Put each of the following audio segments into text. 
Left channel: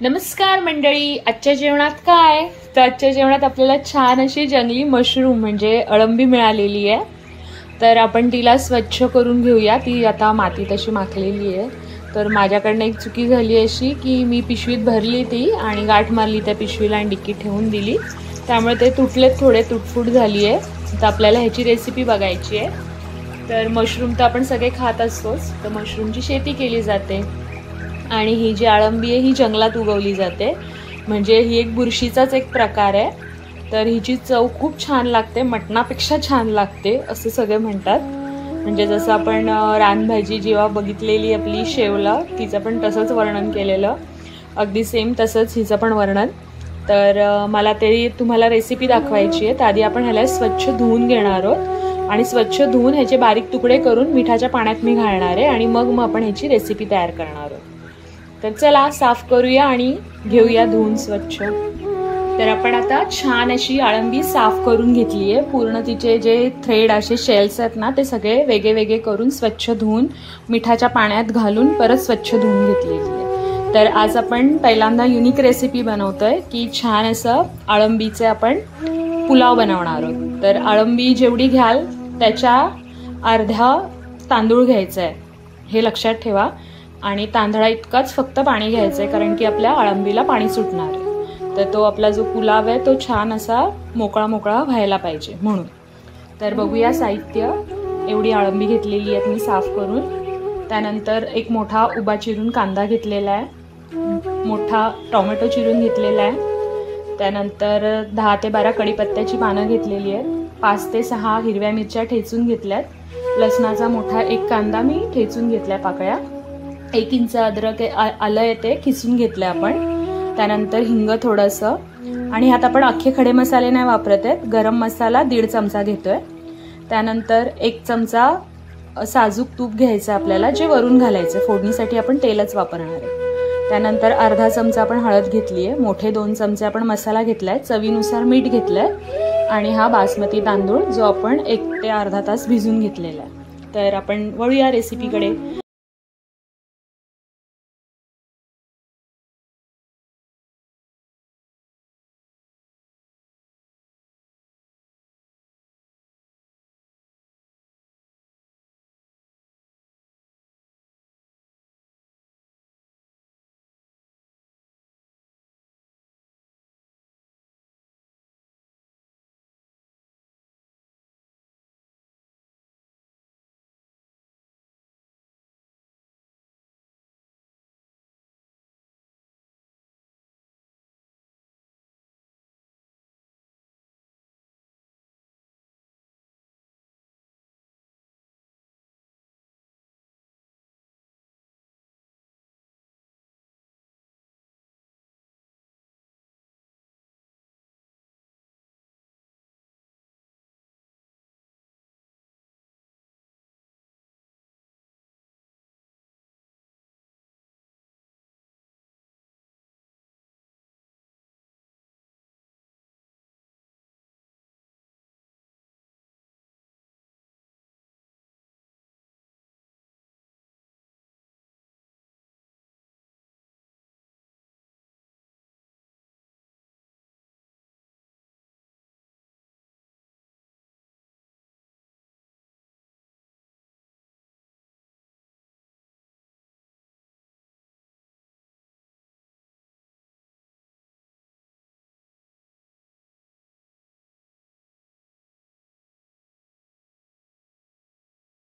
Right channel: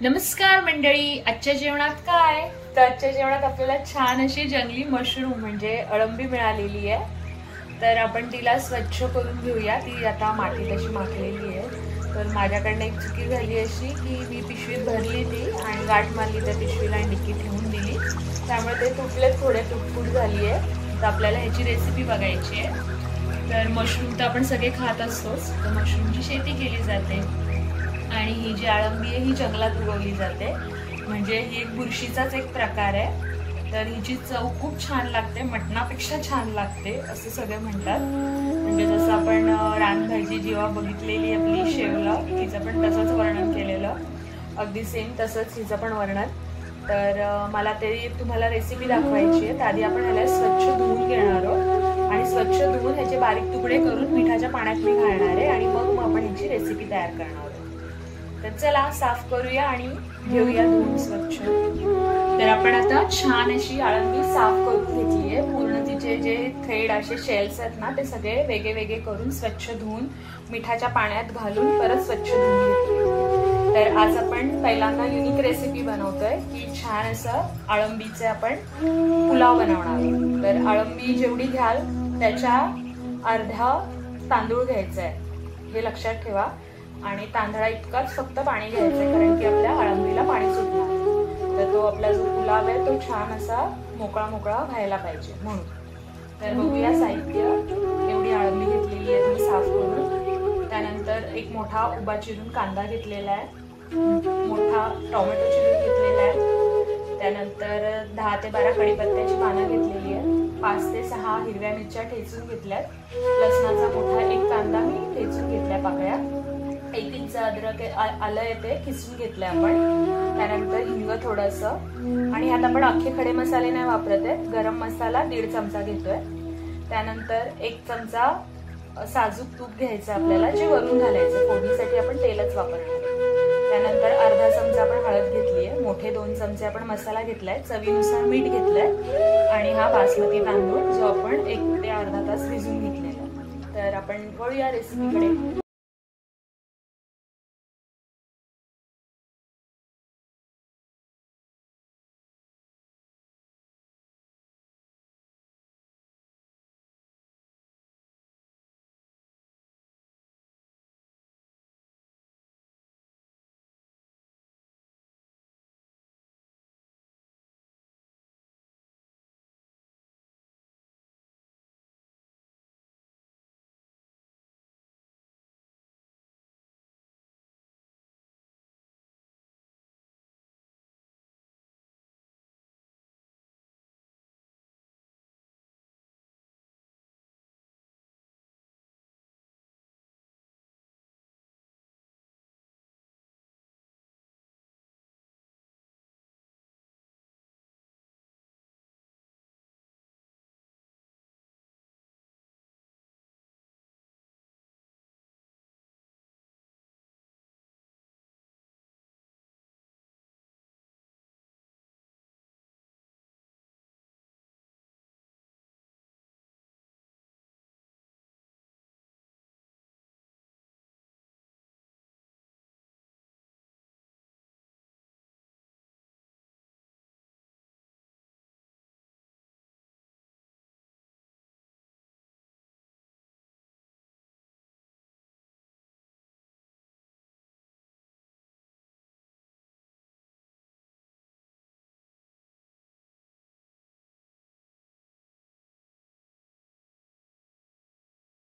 नमस्कार मंडळी, आजच्या जेवणात काय तर आजच्या जेवणात आपल्याला छान अशी जंगली मशरूम म्हणजे अळंबी मिळालेली आहे। तर आपण तिला स्वच्छ करून घेऊया। ती आता मातीत अशी माखलेली आहे। तर माझ्याकडनं एक चुकी झाली अशी की मी पिशवीत भरली ती आणि गाठ मारली त्या पिशवीला आणि डिक्कीत ठेवून दिली, त्यामुळे ते तुटले, थोडे तुटफूट झाली आहे। तर आपल्याला ह्याची रेसिपी बघायची आहे। तर मशरूम तर आपण सगळे खात असतोच, तर मशरूमची शेती केली जाते आणि ही जी अळंबी आहे ही जंगलात उगवली जाते, म्हणजे ही एक बुरशीचाच एक प्रकार आहे। तर हिची चव खूप छान लागते, मटणापेक्षा छान लागते असं सगळे म्हणतात। म्हणजे जसं आपण रानभाजी जेव्हा बघितलेली आपली शेवला, तिचं पण तसंच वर्णन केलेलं, अगदी सेम तसंच हिचं पण वर्णन। तर मला ते तुम्हाला रेसिपी दाखवायची आहे। त्याआधी आपण ह्याला स्वच्छ धुवून घेणार आहोत आणि स्वच्छ धुवून ह्याचे बारीक तुकडे करून मिठाच्या पाण्यात मी घालणार आहे आणि मग आपण ह्याची रेसिपी तयार करणार आहोत। तर चला साफ करूया आणि घेऊया धुवून स्वच्छ। तर आपण आता छान अशी अळंबी साफ करून घेतली आहे। पूर्ण तिचे जे थ्रेड असे शेल्स आहेत ना, ते सगळे वेगळे वेगळे करून स्वच्छ धुवून मिठाच्या पाण्यात घालून परत स्वच्छ धुवून घेतली। तर आज आपण पहिल्यांदा युनिक रेसिपी बनवतोय की छान असं अळंबीचे आपण पुलाव बनवणार आहोत। तर अळंबी जेवढी घ्याल त्याच्या अर्धा तांदूळ घ्यायचा आहे, हे लक्षात ठेवा। आणि तांदळा इतकाच फक्त पाणी घ्यायचं आहे, कारण की आपल्या अळंबीला पाणी सुटणार। तर तो आपला जो पुलाव आहे तो छान असा मोकळा मोकळा व्हायला पाहिजे म्हणून। तर बघूया साहित्य। एवढी अळंबी घेतलेली आहे मी साफ करून। त्यानंतर एक मोठा उभा चिरून कांदा घेतलेला आहे, मोठा टोमॅटो चिरून घेतलेला आहे। त्यानंतर 10 ते 12 कढीपत्त्याची पानं घेतलेली आहेत, 5 ते 6 हिरव्या मिरच्या ठेचून घेतल्यात, लसणाचा मोठा एक कांदा मी ठेचून घेतलाय पाकळ्या, 1 इंच अद्रक आलं आहे ते खिसून घेतलंय आपण। त्यानंतर हिंग थोडंसं, आणि ह्यात आपण अख्खे खडे मसाले नाही वापरत आहेत। गरम मसाला 1.5 चमचा घेतोय। त्यानंतर 1 चमचा साजूक तूप घ्यायचं आपल्याला, जे वरून घालायचं, फोडणीसाठी आपण तेलच वापरणार आहे। त्यानंतर अर्धा चमचा आपण हळद घेतली आहे, मोठे 2 चमचे आपण मसाला घेतलाय, चवीनुसार मीठ घेतलंय आणि हा बासमती तांदूळ जो आपण 1 ते अर्धा तास भिजून घेतलेला आहे। तर आपण वळूया रेसिपीकडे।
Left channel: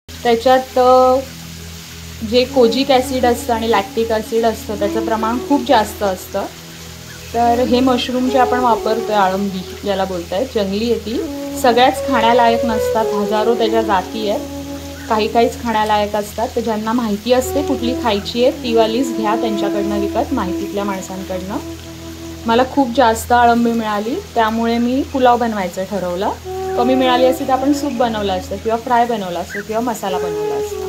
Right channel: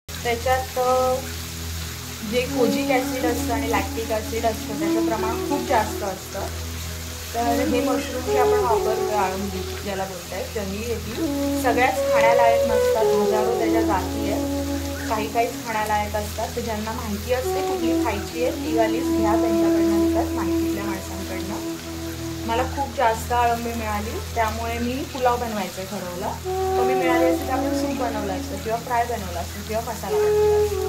त्याच्यात जे कोजिक ॲसिड असतं आणि लॅक्टिक ॲसिड असतं त्याचं प्रमाण खूप जास्त असतं। तर हे मशरूम जे आपण वापरतोय, अळंबी ज्याला बोलतायत, जंगली आहे ती, सगळ्याच खाण्यालायक नसतात, हजारो त्याच्या जाती आहेत, काहीच खाण्यालायक असतात। तर ज्यांना माहिती असते कुठली खायची आहे ती वालीच घ्या त्यांच्याकडनं विकत, माहितीतल्या माणसांकडनं। मला खूप जास्त अळंबी मिळाली त्यामुळे मी पुलाव बनवायचं ठरवलं। कमी मिळाली असती तर आपण सूप बनवलं असतं किंवा फ्राय बनवलं असतं किंवा मसाला बनवला असता।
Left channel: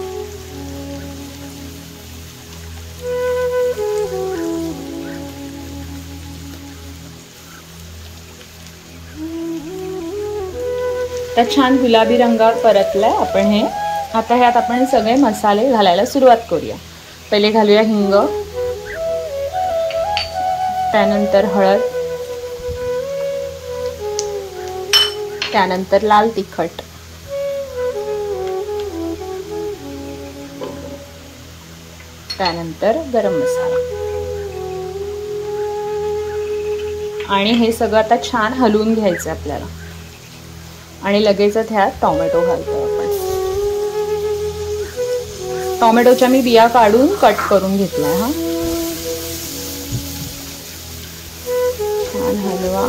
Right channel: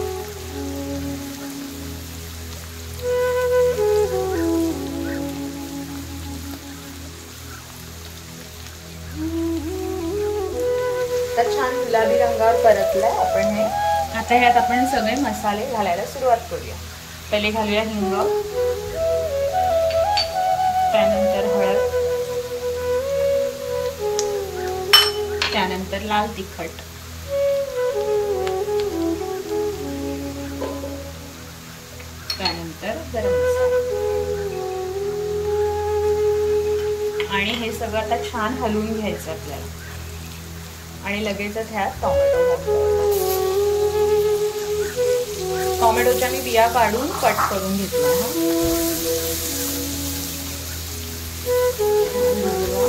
तर छान गुलाबी रंगावर परतलाय आपण हे। आता ह्यात आपण सगळे मसाले घालायला सुरुवात करूया। पहिले घालूया हिंग, त्यानंतर हळद, त्यानंतर लाल तिखट, त्यानंतर गरम मसाला आणि हे सगळं आता छान हलवून घ्यायचं आपल्याला. आणि लगेचच ह्यात टोमॅटो घालतो. टोमॅटोच्या मी बिया काढून कट करून घेतला. हा छान हलवा.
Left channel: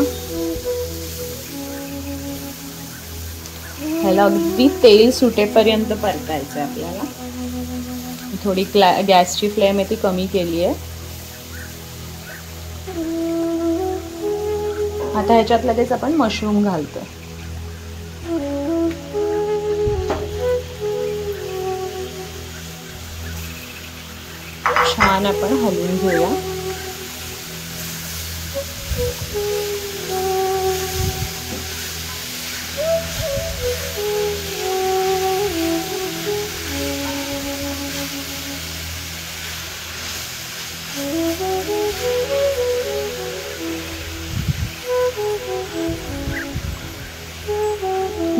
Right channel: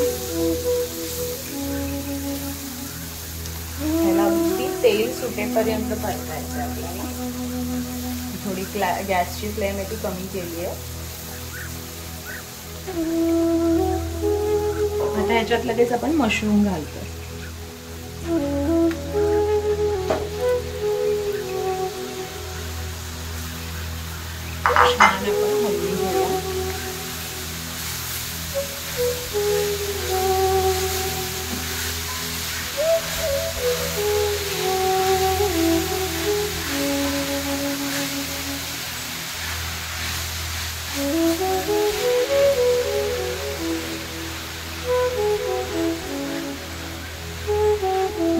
ह्याला अगदी तेल सुटेपर्यंत परतायचं आपल्याला. थोडी गॅसची फ्लेम आहे ती कमी केली आहे. आता ह्याच्यात लगेच आपण मशरूम घालतो. छान आपण हलवून घेऊया.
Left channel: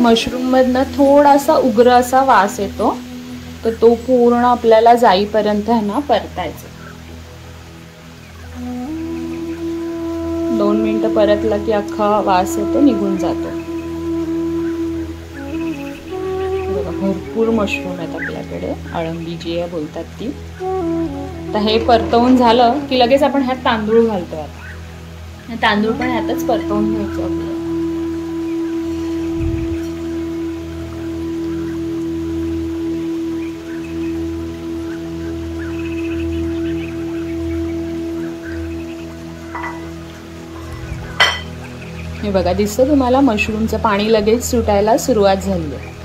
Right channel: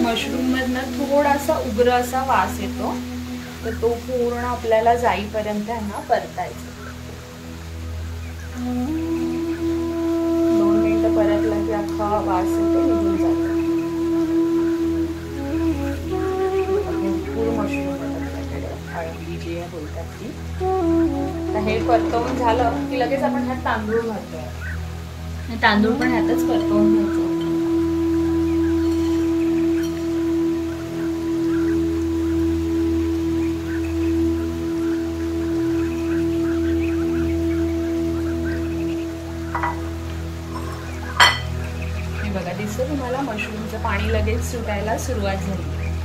मशरूम मधनं थोडासा उग्र असा वास येतो, तर तो पूर्ण आपल्याला जाईपर्यंत आहे ना परतायचं. 2 मिनिटं परतलं की अख्खा वास येतो निघून जातो. भरपूर मशरूम आहेत आपल्याकडे, अळंबी जी आहे बोलतात ती. तर हे परतवून झालं की लगेच आपण ह्यात तांदूळ घालतोय. तांदूळ पण ह्यातच परतवून घ्यायचं. हे बघा, दिसतं तुम्हाला मशरूमचं पाणी लगेच सुटायला सुरुवात झाली आहे.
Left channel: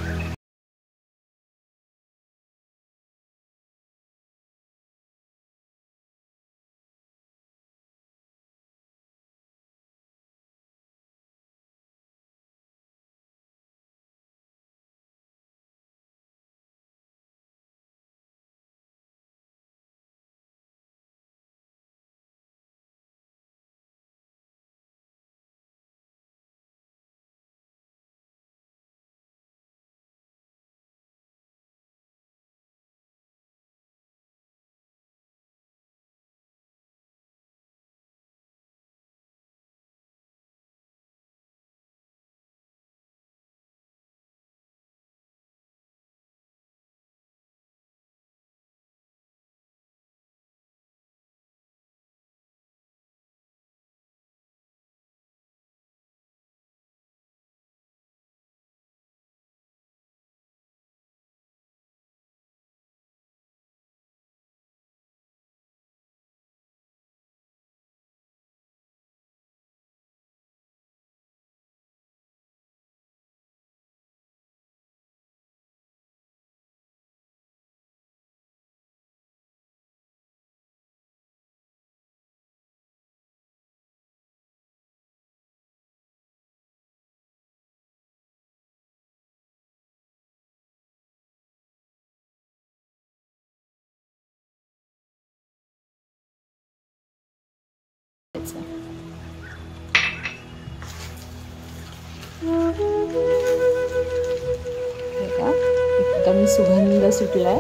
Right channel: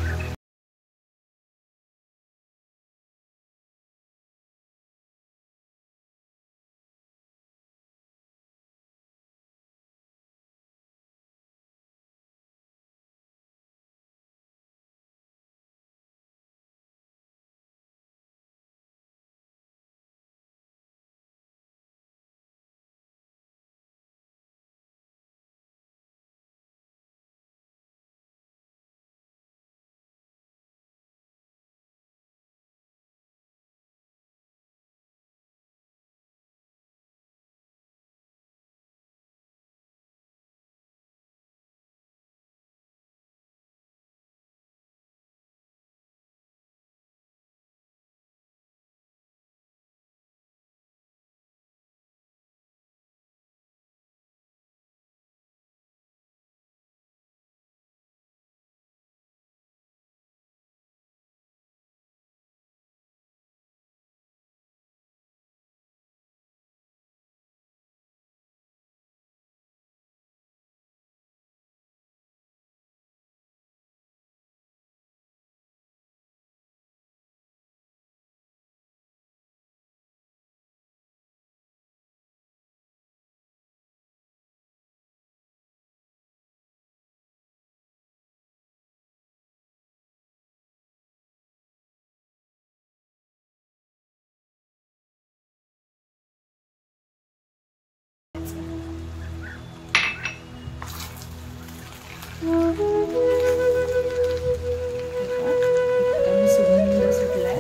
एकदम सुगंध सुटलाय.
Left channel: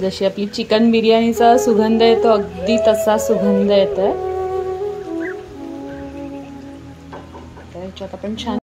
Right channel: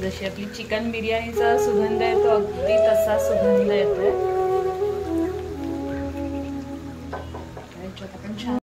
जशी आपली चिकन बिर्याणीचा सुगंध येतो अगदी तसा सुगंध येतोय. त्याच्यात आपण छान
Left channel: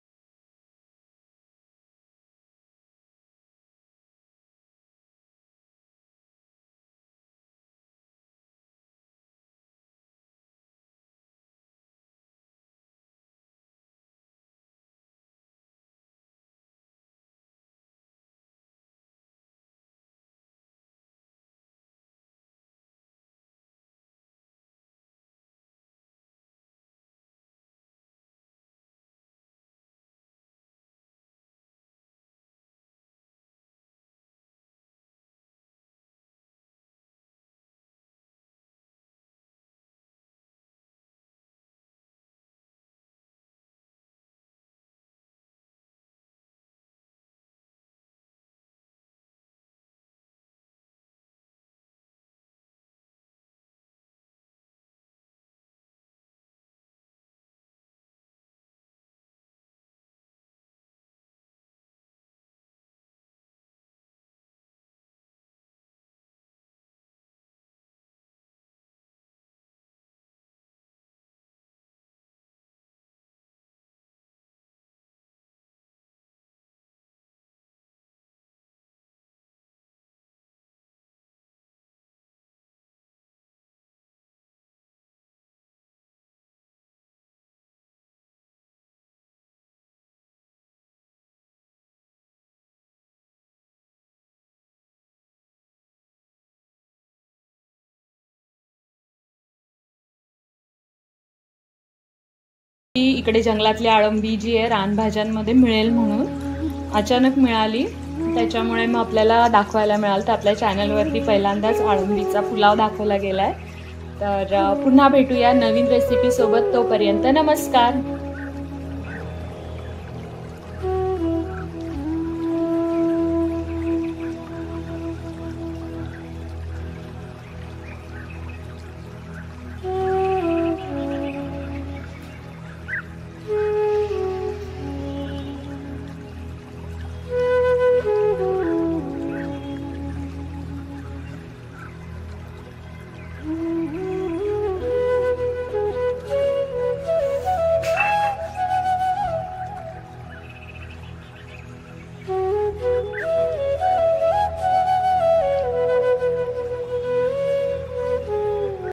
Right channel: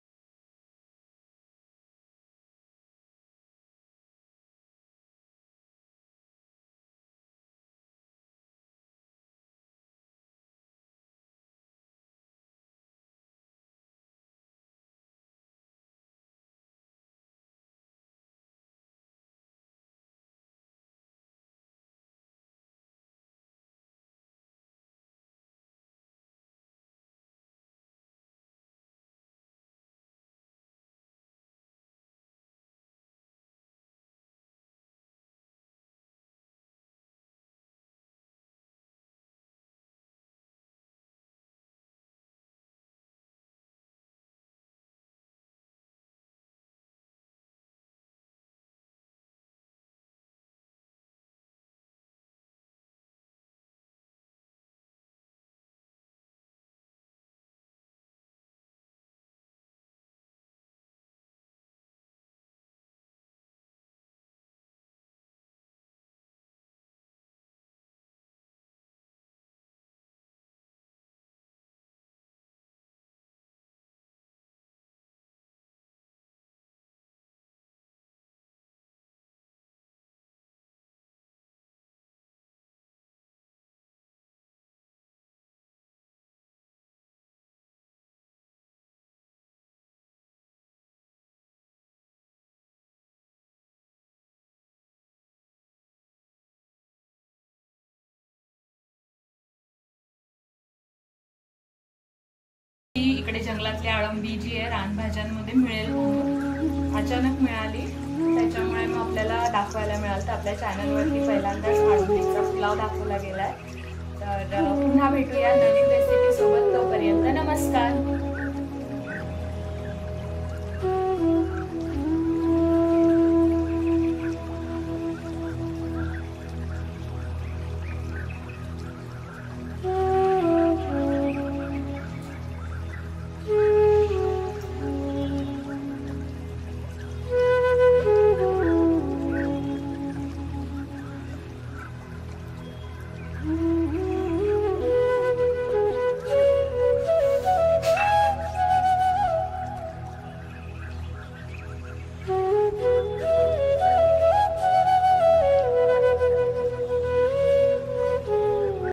इकडे जंगलातली अळंबी जी आहे रानभाज्यांमध्ये मिळेल म्हणून अचानक मिळाली, त्याच्यामुळे मग आपल्याला दाखवायला मिळालं. तर आपल्या चॅनलवरती पहिल्यांदाच अळंबीचा पुलाव दाखवला गेला आहे. तर पुन्हा भेटूया नवीन रेसिपीसोबत. तोपर्यंत नमस्कार.